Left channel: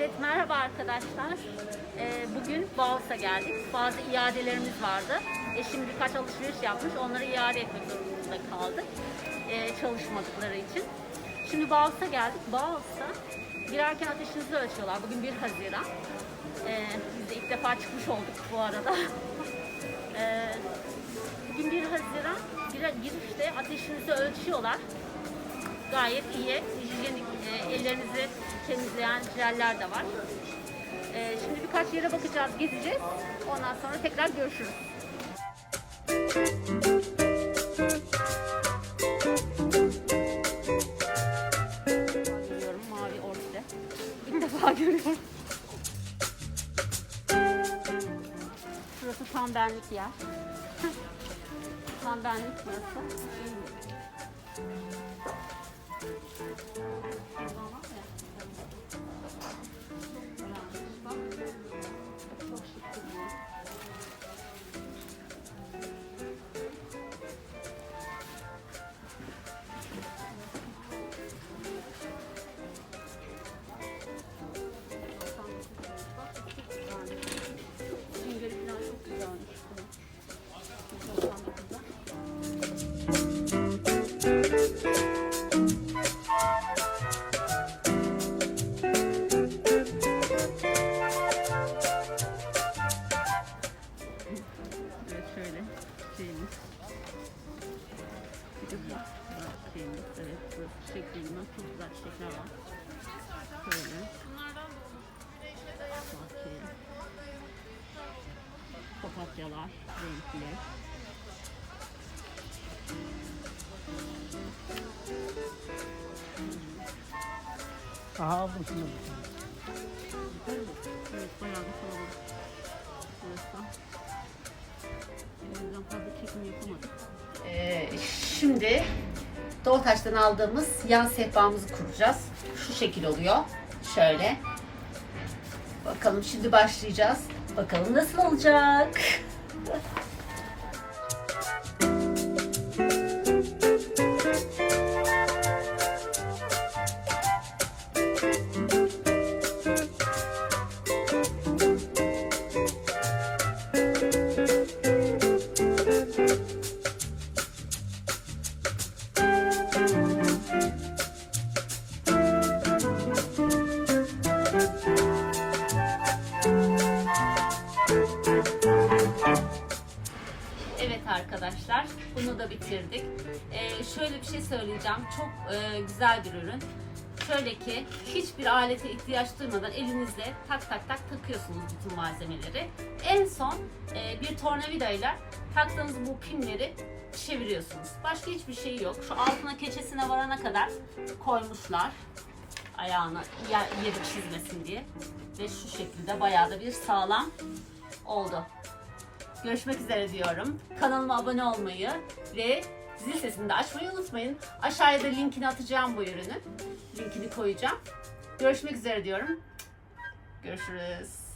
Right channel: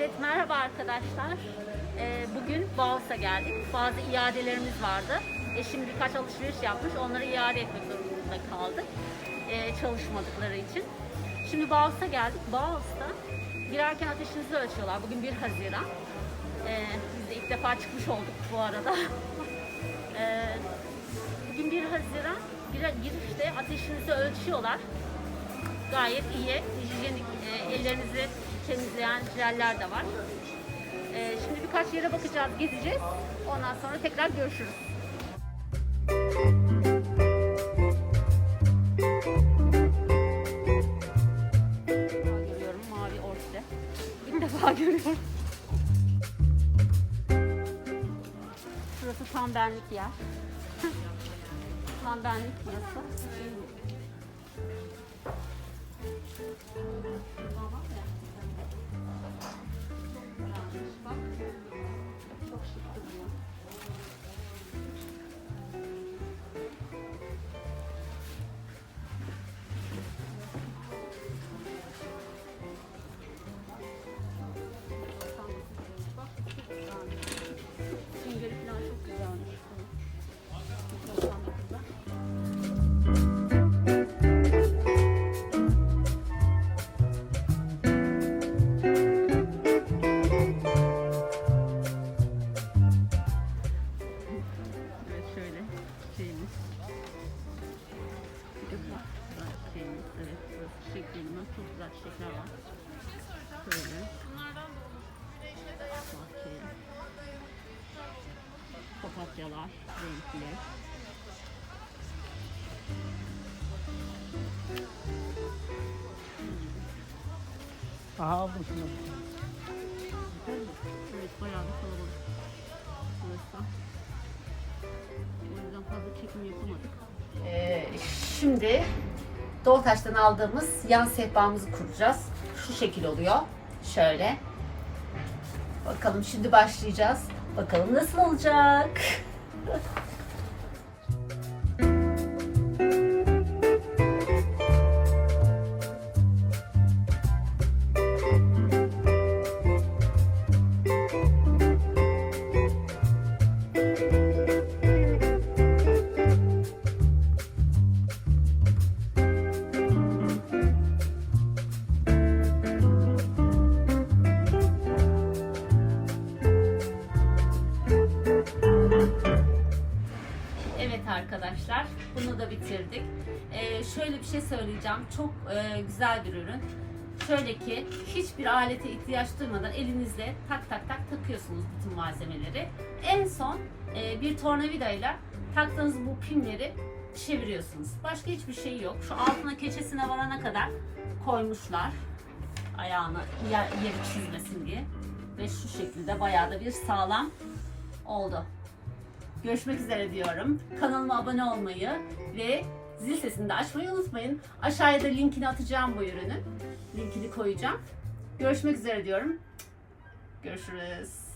Evet merhaba arkadaşlar. Ee, bugün Bağus'a geldik. Bazı iadelerimiz vardı. Eşim birkaç alışveriş yapmış. Onları iade etmek durumunda kaldık. Ee, çalışmadıkları için. Şimdi Bağus'a geldik. Bağus'ta girerken ateşinizi ölçüyorlar. Bugün 1 Haziran. Ee, biz de ilk defa çıkmış olduk bu arada. Ee, bugün 1 Haziran girişte ateşinizi ölçüyorlar gayet iyi. Hijyenik e, ellerinizi temizleyen jeller de var. E, şimdi birkaç yere bakacağız, gezeceğiz. Ondan sonra tekrar görüşürüz. görüyorum mavi orkide. İlk defa görüyorum. Burası tam benlik yer. tam benlik burası. Çok Güzel şeyimiz. Evet burası çiçek bölümü. Çok güzel çiçekler var. Şöyle. Bahçeye. Papatyalar renkli. Aha aldım şunu. Evet bayağı bir kalabalık. Burası. O yüzden fazla çekim yapamadık. Ee, şimdi Doğutaş'tan aldığımız yan sehpamızı kuracağız. Şu şekil oluyor. Şöyle. Bakalım şimdi başlayacağız. Bakalım nasıl olacak. Bunu da bitirdik. Ee, şöyle bir şey söyleyeceğim, çok e, güzel bir ürün. Şöyle ki hiçbir alete ihtiyaç duymadan elinizle tak tak tak takıyorsunuz bütün malzemeleri. En son e, bir tornavidayla taktığınız bu pimleri çeviriyorsunuz. Başka hiçbir şey yok. Şu altına keçesine varana kadar koymuşlar. Ayağına yer- yeri çizmesin diye. Ve şu şekilde bayağı da bir sağlam oldu. Görüşmek üzere diyorum. Kanalıma abone olmayı ve zil sesini de açmayı unutmayın. Aşağıya da linkini atacağım bu ürünün. Linkini koyacağım. Görüşmek üzere diyorum. Görüşürüz.